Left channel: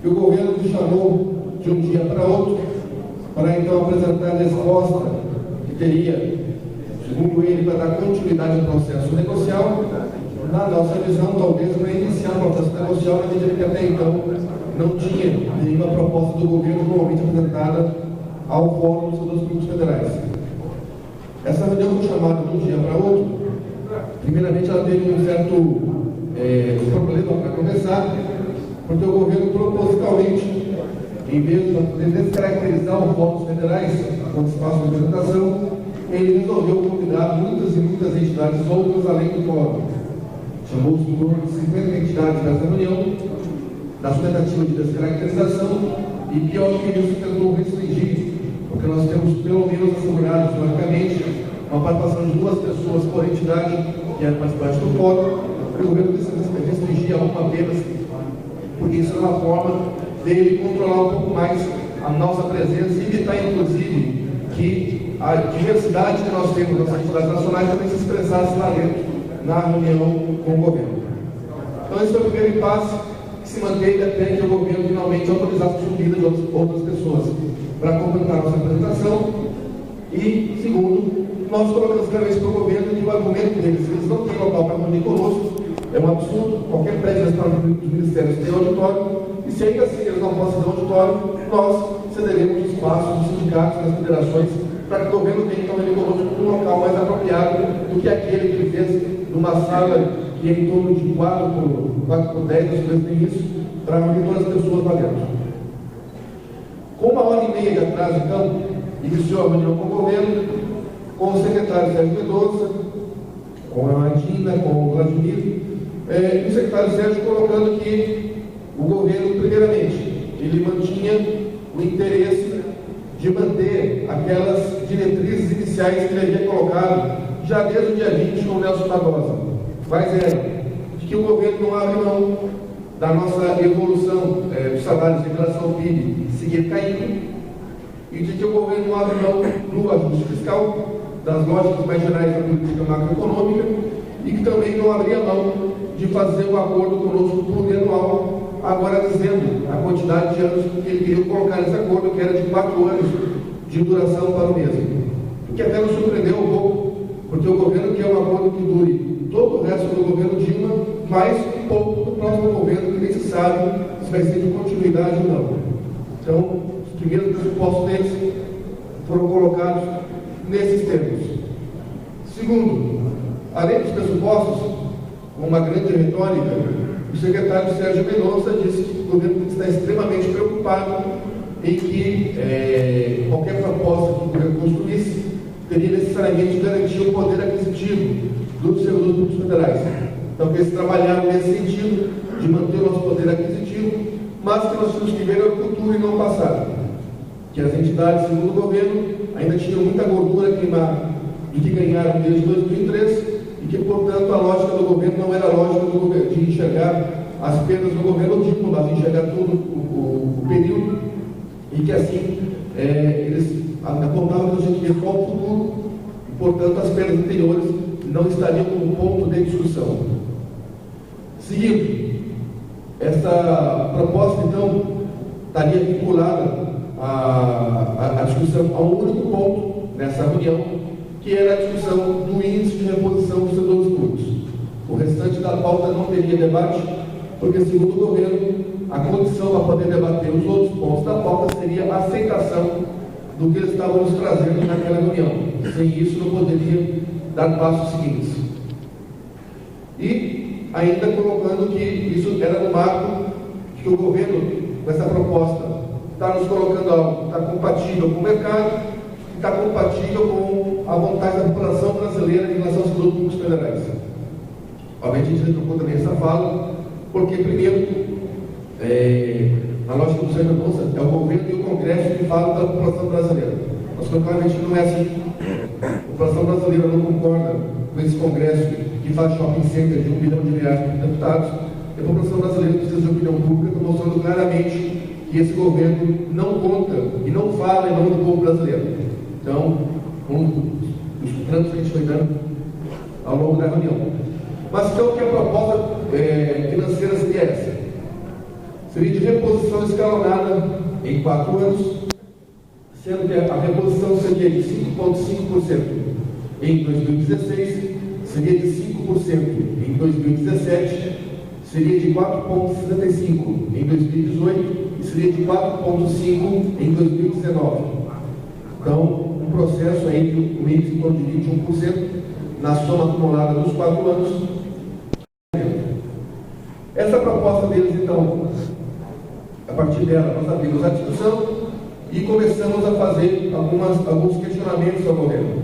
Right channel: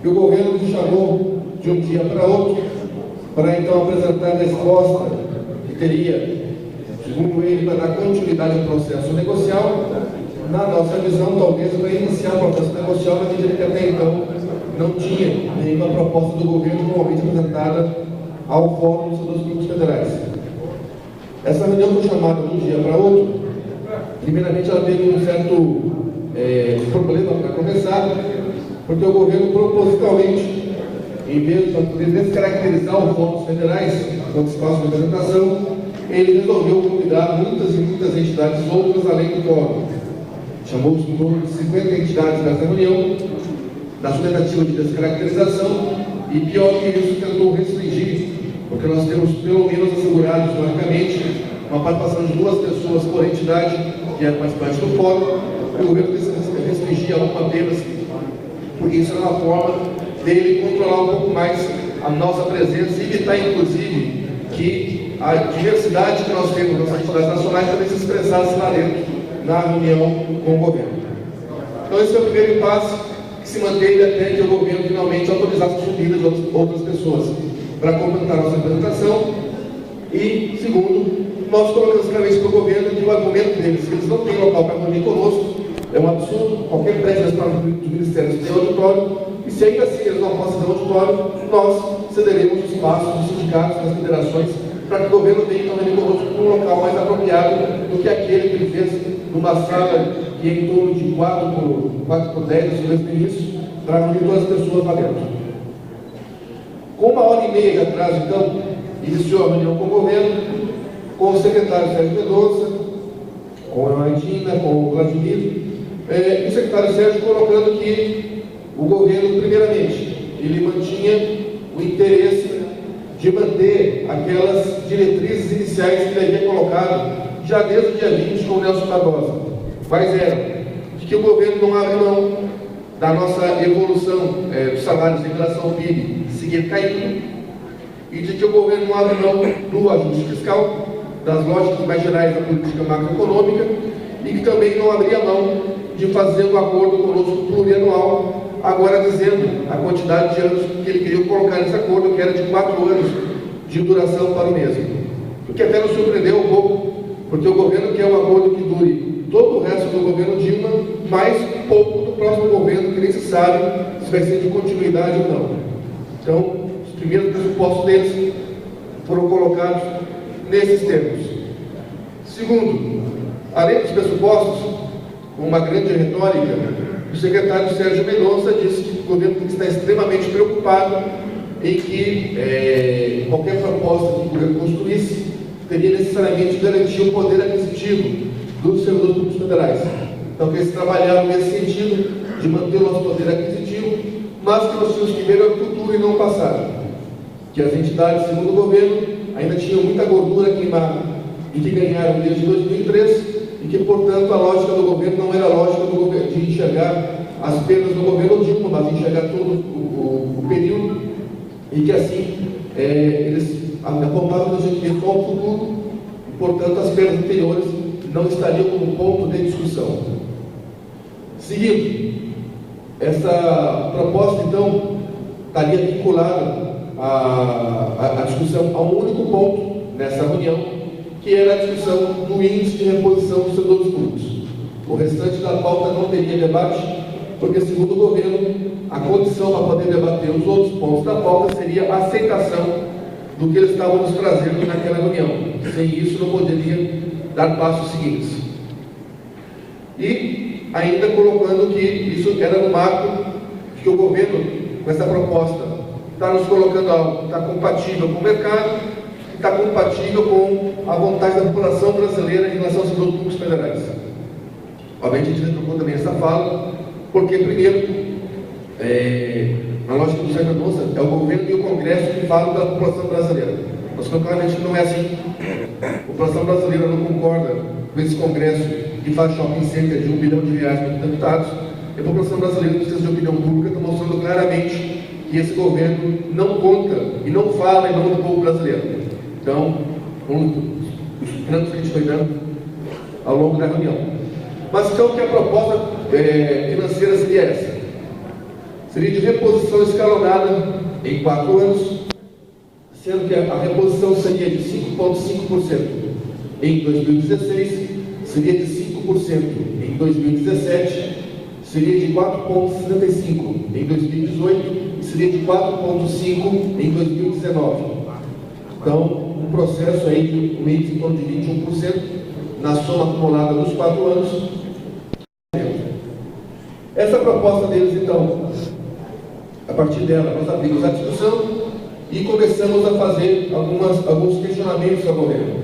que o governo nos chamou de um dia para outro para então apresentar a resposta que teria, segundo ele, para dar continuidade ao processo negocial. Na nossa visão, talvez para iniciar o processo negocial, na medida que até então não tinha nenhuma proposta do governo normalmente apresentada ao Fórum dos Servidores Públicos Federais. Essa reunião foi chamada de um dia para outro. Primeiramente, ela teve um certo problema para começar, porque o governo propositalmente, em vez de poder descaracterizar os fóruns federais quando se faz uma apresentação, ele resolveu convidar muitas e muitas entidades outras além do fórum. Chamou de torno de 50 entidades nessa reunião, na sua tentativa de descaracterização, e pior que isso, tentou restringir, porque nós temos pelo menos assegurado historicamente uma participação de 2 pessoas por entidade que é participante do fórum, e o governo restringia uma apenas, porque isso era uma forma dele controlar um pouco mais a nossa presença e evitar, inclusive, que a diversidade que nós temos nas entidades nacionais também se expressasse lá dentro, na reunião com o governo. Então, esse é o primeiro impasse que se manteve até que o governo finalmente autorizasse a subida de outras pessoas para completar a nossa apresentação. E, segundo, nós colocamos claramente para o governo que o argumento deles, que eles não têm local para reunir conosco, é um absurdo. Qualquer prédio dos ministérios tem auditório, e se ainda assim eles não possam ter auditório, nós cederemos espaço dos sindicatos, das federações, para que o governo venha então reunir conosco num local mais apropriado do que aquele que ele fez numa sala que é em torno de 4 por 10, desde o início, para reunir todas as pessoas lá dentro. Com 1h30 de atraso, então, iniciou a reunião com o governo, com o secretário Sérgio Mendonça, com a Aidina, com o Vladimir, e o secretário Sérgio colocando que o governo, primeiramente, ele mantinha o interesse de manter aquelas diretrizes iniciais que ele havia colocado já desde o dia 20 com o Nelson Barbosa. Quais eram? De que o governo não abre mão da nossa evolução dos salários em relação ao PIB seguir caindo, e de que o governo não abre mão do ajuste fiscal, das lógicas mais gerais da política macroeconômica, e que também não abria mão de fazer um acordo conosco plurianual, agora dizendo a quantidade de anos que ele queria colocar nesse acordo, que era de 4 anos de duração para o mesmo. O que até nos surpreendeu um pouco, porque o governo quer um acordo que dure todo o resto do governo Dilma, mais um pouco do próximo governo, que nem se sabe se vai ser de continuidade ou não. Então, os primeiros pressupostos deles foram colocados nesses termos. Segundo, além dos pressupostos, com uma grande retórica, o secretário Sérgio Mendonça disse que o governo está extremamente preocupado em que qualquer proposta que o governo construísse teria necessariamente garantir o poder aquisitivo dos servidores públicos federais. Então, que eles trabalharam nesse sentido de manter o nosso poder aquisitivo, mas que nós tínhamos que ver o futuro e não o passado. Que as entidades, segundo o governo, ainda tinham muita gordura queimada e que ganharam desde 2003, e que, portanto, a lógica do governo não era a lógica do governo de enxergar as perdas do governo Dilma, mas enxergar todo o período, e que assim eles apontavam que a gente vê só o futuro, e, portanto, as perdas anteriores não estariam como ponto de discussão. Seguindo, essa proposta, então, estaria vinculada à discussão a um único ponto nessa reunião, que era a discussão do índice de reposição dos servidores públicos. O restante da pauta não teria debate, porque, segundo o governo, a condição para poder debater os outros pontos da pauta seria a aceitação do que eles estavam nos trazendo naquela reunião. Sem isso, não poderia dar passos seguintes. E ainda colocando que isso era no marco de que o governo, com essa proposta, está nos colocando algo que está compatível com o mercado, está compatível com a vontade da população brasileira em relação aos servidores públicos federais. Obviamente, a gente retrocou também essa fala, porque, primeiro, a lógica do Sérgio Mendonça é o governo e o Congresso que falam da população brasileira. Nós claramente que não é assim. A população brasileira não concorda com esse Congresso que faz shopping center de R$1 bilhão para os deputados, e a população brasileira precisa de opinião pública, está mostrando claramente que esse governo não conta e não fala em nome do povo brasileiro. Então, os trancos que a gente foi dando ao longo da reunião. Mas então, que a proposta financeira seria essa? seria de reposição escalonada em 4 anos, sendo que a reposição seria de 5,5% em 2016, seria de 5% em 2017, seria de 4,75% em 2018 e seria de 4,5% em 2019. Então, um processo aí de um índice em torno de 21% na soma acumulada dos 4 anos. Essa proposta deles, então, a partir dela, nós abrimos a discussão e começamos a fazer alguns questionamentos ao governo.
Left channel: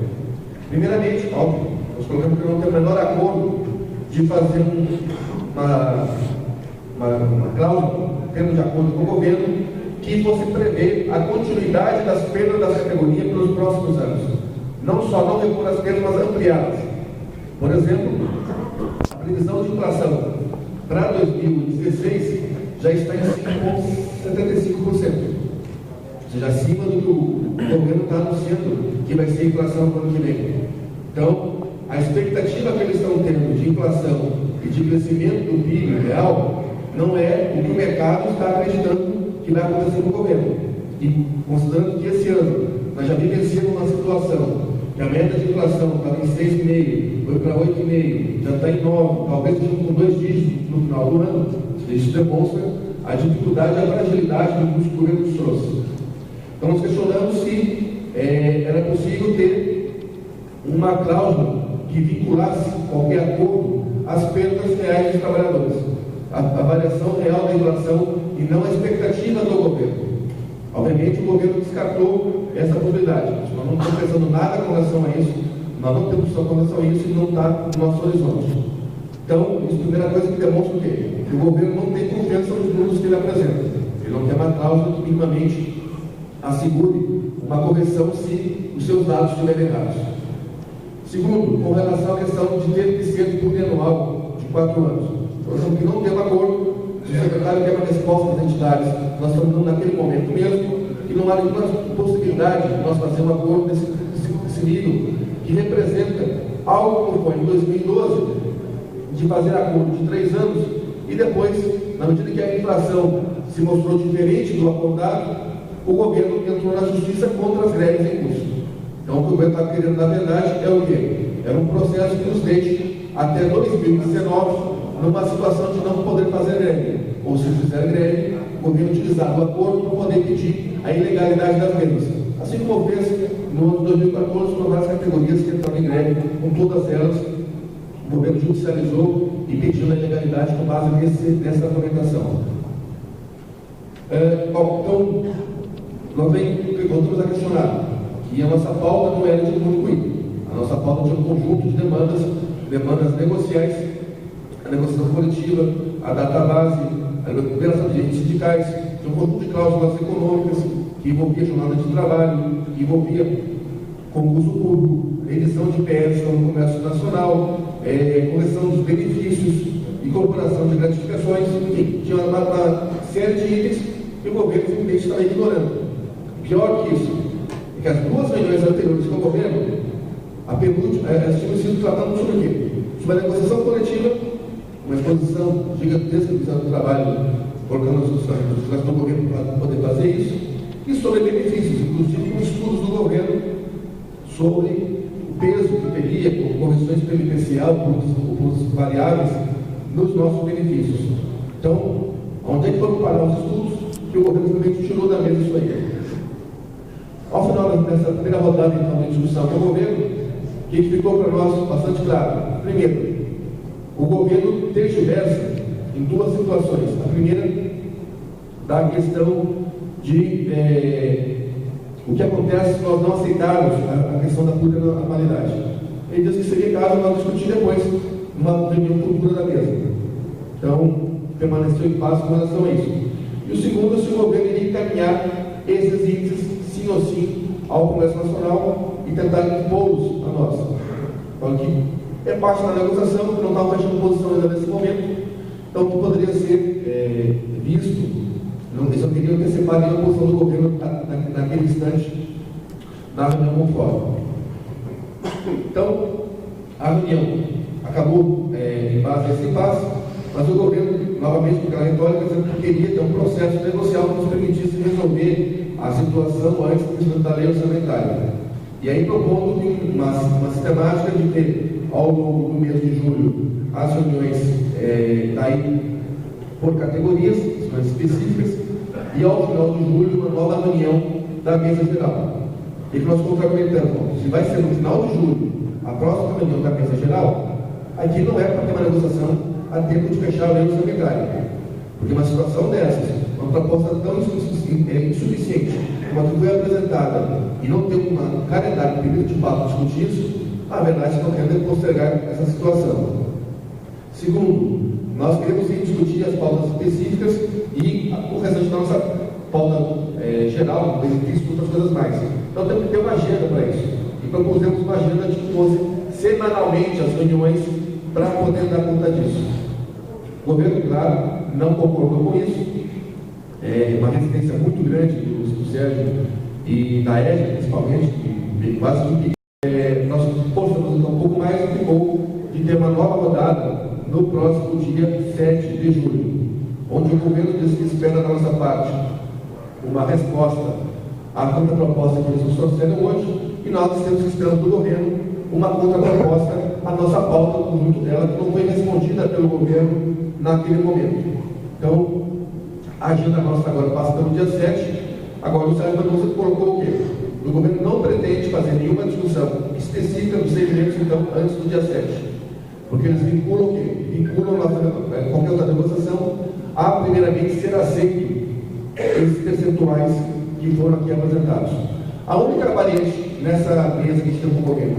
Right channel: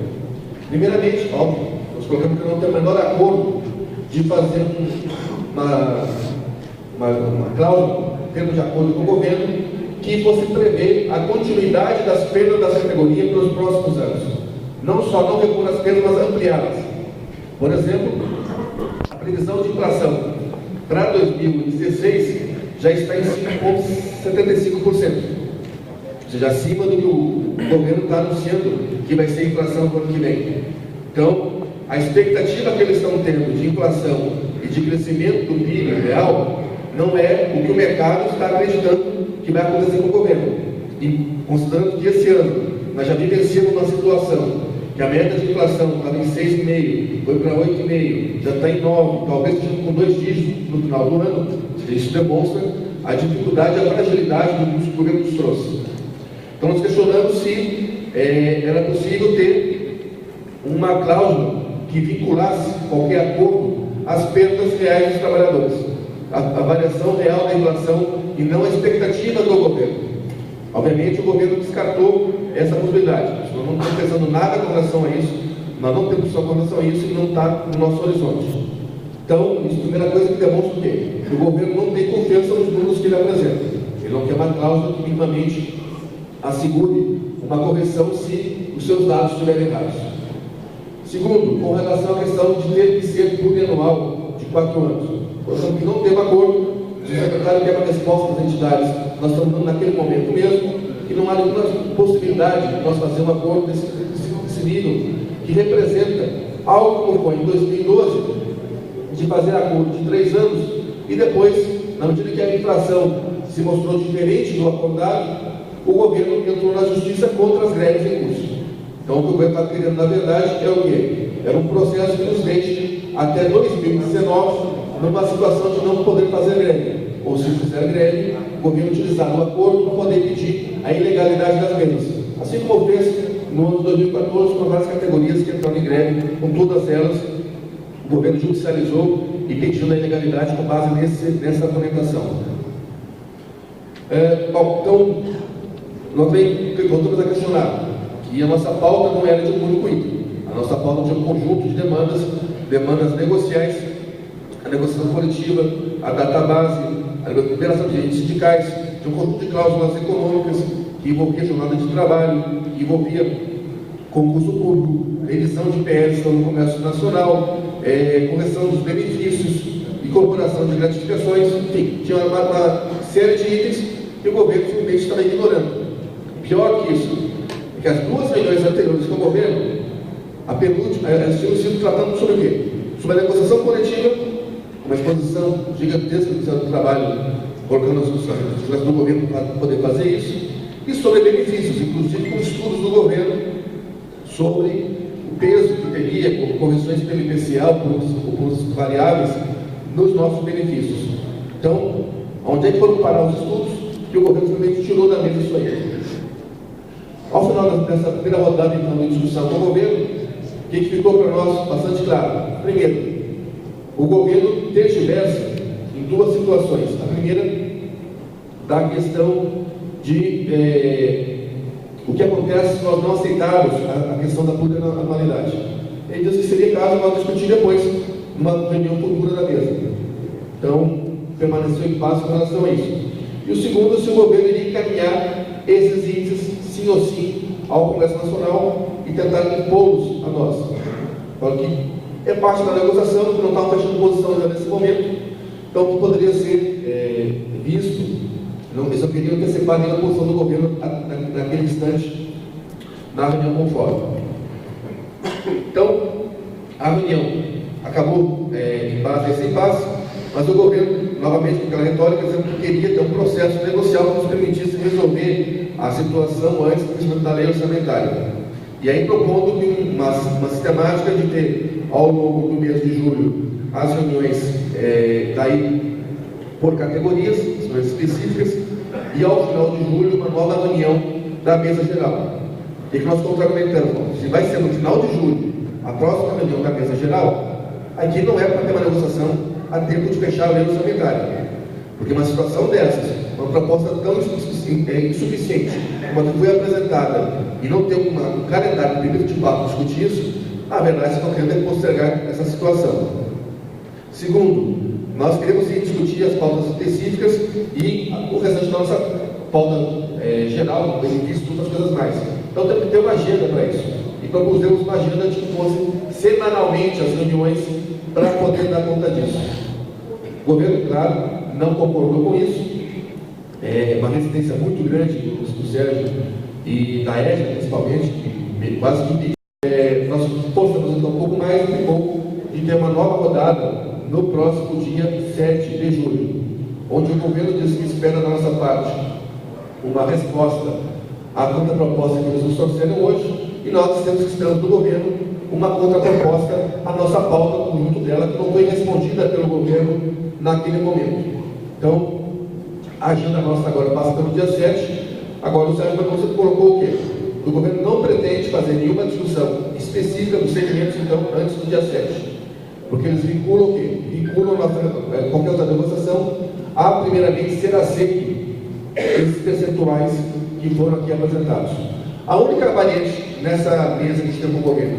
Primeiramente, óbvio, nós colocamos que não tem o menor acordo de fazer uma cláusula, tendo de acordo com o governo, que fosse prever a continuidade das perdas da categoria para os próximos anos. Não só não repor as perdas, mas ampliá-las. Por exemplo, a previsão de inflação para 2016 já está em 5,75%, ou seja, acima do que o governo está anunciando que vai ser a inflação no ano que vem. Então, a expectativa que eles estão tendo de inflação e de crescimento do PIB real não é o que o mercado está acreditando que vai acontecer com o governo. E considerando que esse ano nós já vivenciamos uma situação que a média de inflação estava em 6,5%, foi para 8,5%, já está em 9%, talvez esteja com 2 dígitos no final do ano. Isso demonstra a dificuldade e a fragilidade do que o governo nos trouxe. Então nós questionamos se era possível ter uma cláusula que vinculasse qualquer acordo às perdas reais dos trabalhadores, a variação real da inflação e não a expectativa do governo. Obviamente o governo descartou essa possibilidade. Nós não estamos pensando nada com relação a isso, nós não temos só com relação a isso e não está no nosso horizonte. Então, isso é a primeira coisa que demonstra o quê? Que o governo não tem confiança nos números que ele apresenta. Ele não quer uma cláusula que minimamente assegure uma correção se os seus dados estiverem errados. Segundo, com relação à questão de ter que ser plurianual de 4 anos. Por exemplo, que não tem um acordo, se o secretário quer uma resposta das entidades, nós estamos dando naquele momento mesmo, e não há nenhuma possibilidade de nós fazer um acordo desse nível, que representa algo como foi em 2012, de fazer acordo de 3 anos, e depois, na medida que a inflação se mostrou diferente do acordado, o governo entrou na justiça contra as greves em curso. Então, o que o governo está querendo, na verdade, é o quê? É um processo que nos deixe até 2019 numa situação de não poder fazer greve. Ou, se fizer greve, o governo utilizar o acordo para poder pedir a ilegalidade das vendas. Assim como fez no ano de 2014 com várias categorias que entraram em greve, com todas elas, o governo judicializou e pediu a ilegalidade com base nessa argumentação. Então, nós voltamos a questionar que a nossa pauta não era de público íntimo. A nossa pauta tinha um conjunto de demandas negociais, a negociação coletiva, a database, a liberação de agentes sindicais, tinha um conjunto de cláusulas econômicas que envolvia jornada de trabalho, que envolvia concurso público, revisão de IPS no comércio nacional, correção dos benefícios, incorporação de gratificações, enfim, tinha uma série de itens que o governo simplesmente estava ignorando. Pior que isso, é que as 2 reuniões anteriores com o governo, a penúltima, elas tinham sido tratando sobre o quê? Sobre a negociação coletiva, uma exposição gigantesca do Ministério do Trabalho, colocando as instituições do governo para poder fazer isso, e sobre benefícios, inclusive com estudos do governo sobre o peso que teria, com correções pelo IPCA, por variáveis, nos nossos benefícios. Então, onde é que foram parar os estudos? Que o governo simplesmente tirou da mesa isso aí. Ao final dessa primeira rodada então, de discussão com o governo, o que ficou para nós bastante claro? Primeiro, o governo tergiversa em 2 situações. A primeira, da questão de o que acontece se nós não aceitarmos a questão da plurianualidade. Ele diz que seria caso nós discutir depois, numa reunião futura da mesa. Então, permaneceu em paz com relação a isso. E o segundo, se o governo iria encaminhar esses índices, sim ou sim, ao Congresso Nacional e tentar impô-los a nós. Então, que é parte da negociação, que não estava fechando posição ainda nesse momento, então que poderia ser visto, eles só queriam antecipar nenhuma posição do governo naquele instante, na reunião conforme. Então, a reunião acabou em base a esse impasse, mas o governo novamente com aquela retórica, dizendo que queria ter um processo negocial que nos permitisse resolver a situação antes do crescimento da lei orçamentária. E aí propondo uma sistemática de ter, ao longo do mês de julho, as reuniões daí por categorias, reuniões específicas, e ao final de julho, uma nova reunião da mesa geral. E que nós contracomentamos, se vai ser no final de julho, a próxima reunião da mesa geral, aqui não é para ter uma negociação a tempo de fechar a lei orçamentária. Porque uma situação dessas, uma proposta tão insuficiente como a que foi apresentada, e não ter um calendário permitido para discutir isso, a verdade é que estão querendo postergar essa situação. Segundo, nós queremos ir discutir as pautas específicas e o restante da nossa pauta geral, benefício e outras coisas mais. Então temos que ter uma agenda para isso. E propusemos uma agenda de que fosse semanalmente as reuniões para poder dar conta disso. O governo, claro, não concordou com isso. É uma resistência muito grande do Sérgio e da EJA, principalmente, que quase que impediu. Nós postamos um pouco mais e ficou de ter uma nova rodada no próximo dia 7 de julho, onde o governo diz que espera da nossa parte uma resposta à contraproposta que eles nos trouxeram hoje, e nós dissemos que estamos do governo uma contraproposta à nossa pauta, o conjunto dela, que não foi respondida pelo governo naquele momento. Então, a agenda nossa agora passa pelo dia 7. Agora, o Sérgio Mendonça colocou o quê? O governo não pretende fazer nenhuma discussão específica dos segmentos, então, antes do dia 7. Porque eles vinculam o quê? Vinculam qualquer outra negociação a, primeiramente, ser aceito esses percentuais que foram aqui apresentados. A única variante nessa mesa que a gente tem com o governo,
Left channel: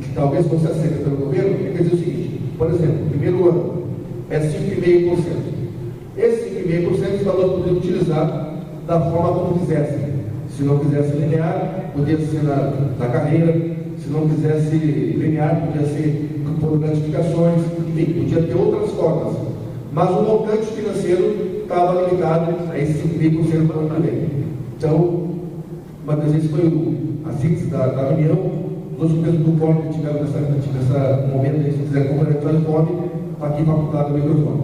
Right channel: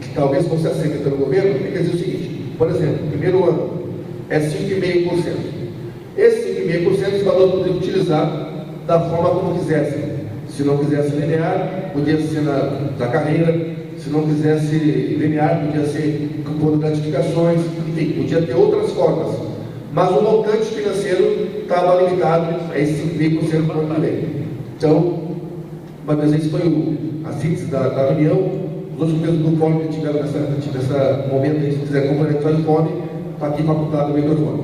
que talvez fosse aceita pelo governo, é que dizer o seguinte: por exemplo, no primeiro ano é 5,5%. Esse 5,5% os valores poderiam utilizar da forma como quisessem. Se não quisesse linear, podia ser na carreira. Se não quisesse linear, podia ser por gratificações, enfim, podia ter outras formas. Mas o montante financeiro estava limitado a esse 5,5% do ano que vem. Então, uma vez esse foi a síntese da reunião. Os outros membros do fórum que tiveram nesse momento, se quiser complementar o fome, está aqui facultado o microfone.